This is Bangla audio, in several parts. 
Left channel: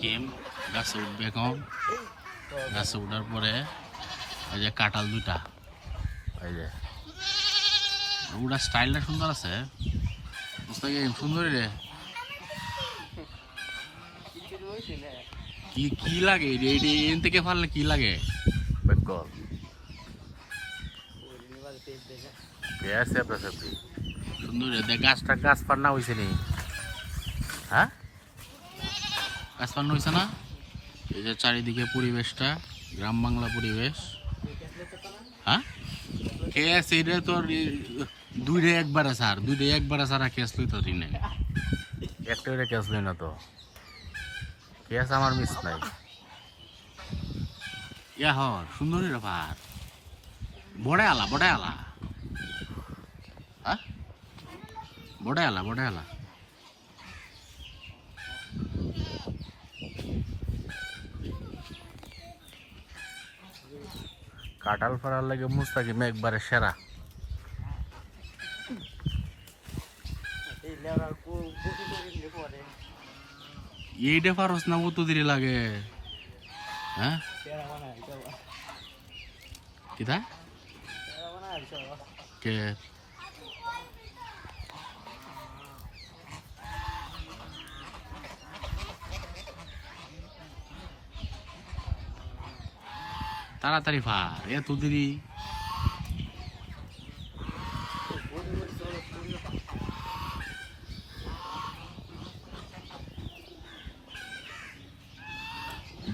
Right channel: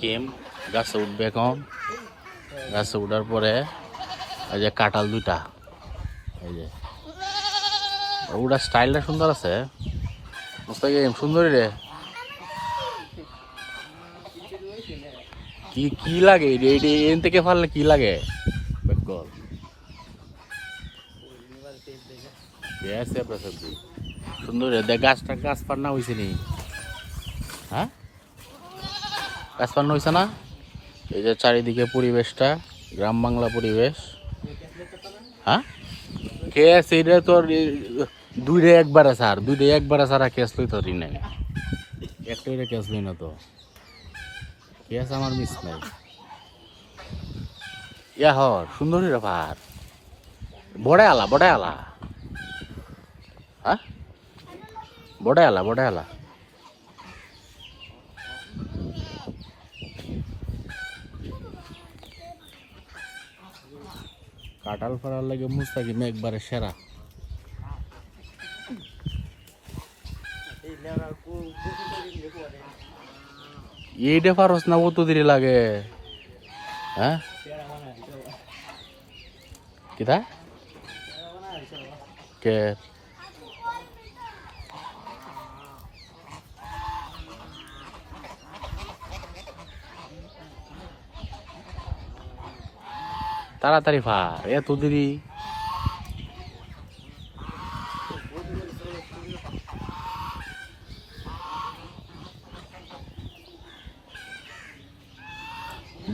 কেম গাছে উঠবে এখন গাছে উঠার পরে এই যে কাঁঠাল দুইটা এই যে ওটা স্টাইলটা সুন্দর আছে মুস্তাকিম সুন্দরী রে কি কি লাগে এন থেকে ফাললে কি লাগে বেকল সুন্দর দেখ গাছটা গাছ পান্না হয়েছে নি হ্যাঁ গাছ পান্না হয়েছে না এই যে চারিদিকে পরিবেশটা গ্রাম বাংলা পরিবেশ হ্যাঁ কেস এটা তোর দুইটা একবারে সারা কেস লই তোর নাই একটা কেস লই না তো কেস আমার মিস নাই ইয়া হর সুন্দরী ব্যাপার বড় আলা হ্যাঁ বড় আলা কাঁঠাল ফাড়ার লাগে মুস্তাকিম একবারে সেরা এইটা পারস না কত দেরি লাগে হ্যাঁ কিতা কে তাড়াতাড়ি ফার এত দেরি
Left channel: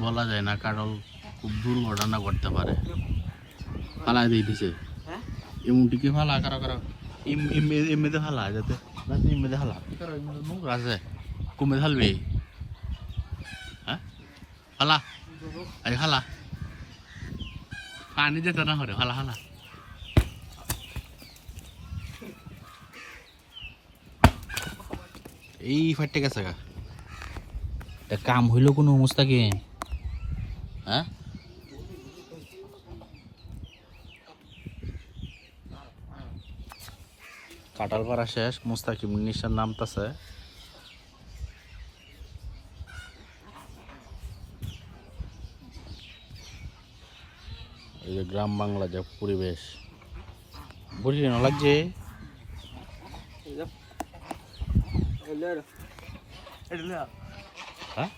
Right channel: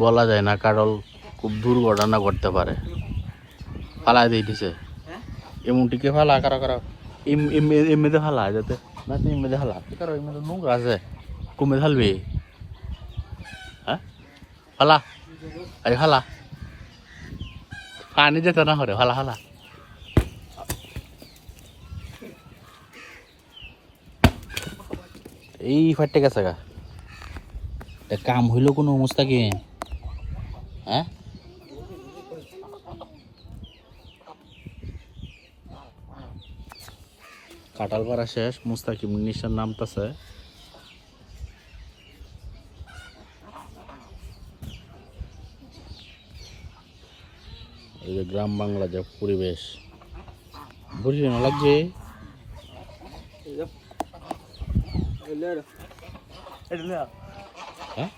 বলা যায় না কারল খুব দুর্ঘটনা ঘটতে পারে ফালা দিয়ে দিছে এমনটিকে ফালা কারা এমনিতে ফালা যাতে না তুই এমনিতে ফালা কারো এমনি নোংরা আছে কমে ফালবি হ্যাঁ ফালা আরে ফালা পানি যেতে না হরে ফালা এই ফাটতে গেছে গা কাম হইল কোনো মুস্তাকিম হ্যাঁ কাঁঠাল পাড়া শেষ মুস্তাকিম নিশার নামতাছে এই যে গ্রাম বাংলা যে পরিবেশ বুঝলি না লাগছে হ্যাঁ